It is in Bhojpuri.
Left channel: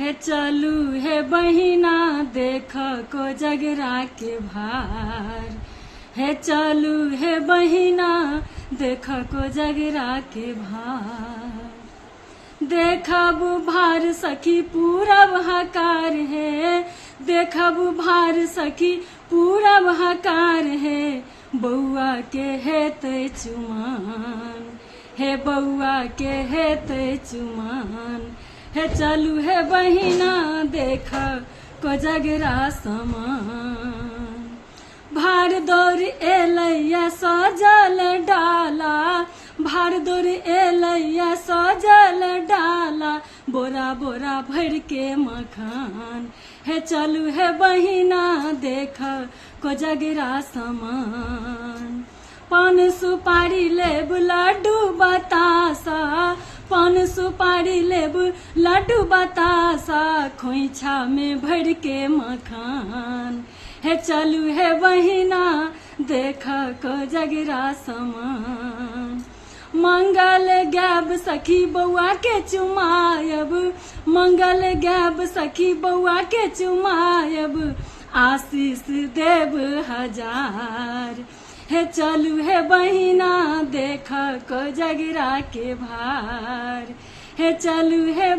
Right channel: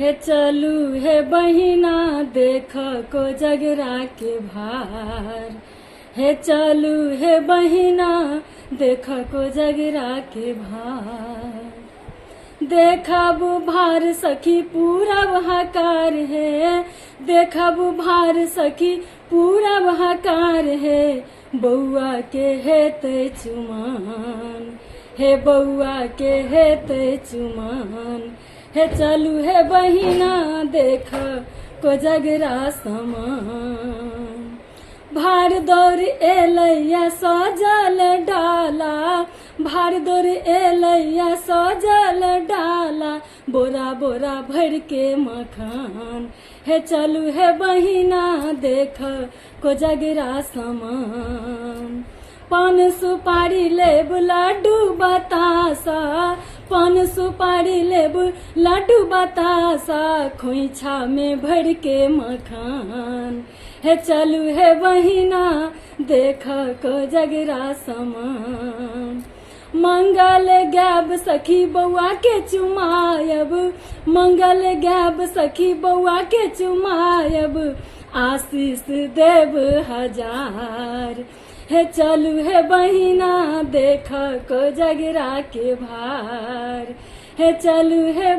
हे चलू हे बहिना देख को जगरा के भार। हे चलू हे बहिना देख को जगरा के भार। देखब भार सखी पूरा बहाकार है, देखब भार सखी पूरा बहाकार है। बउआ के है ते चुमान, हे बउआ के है ते चुमान। हे चलू हे बहिना देख को जगरा समान। भार दौर एलैया सजल डाला, भार दौर एलैया सजल डाला। बोरा बोरा भर के मखान। हे चलू हे बहिना देख को जगरा समान। पान सुपारी लेबू लड्डू बतासा, पान सुपारी लेबू लड्डू बतासा। खोइछा में भर के मखान। हे चलू हे बहिना देख को जगरा समान। मंगल गैब सखी बउआ के चुमायब, मंगल गैब सखी बउआ के चुमायब। आशीष देव हजार। हे चलू हे बहिना देख को जगरा के भार। हे चलू हे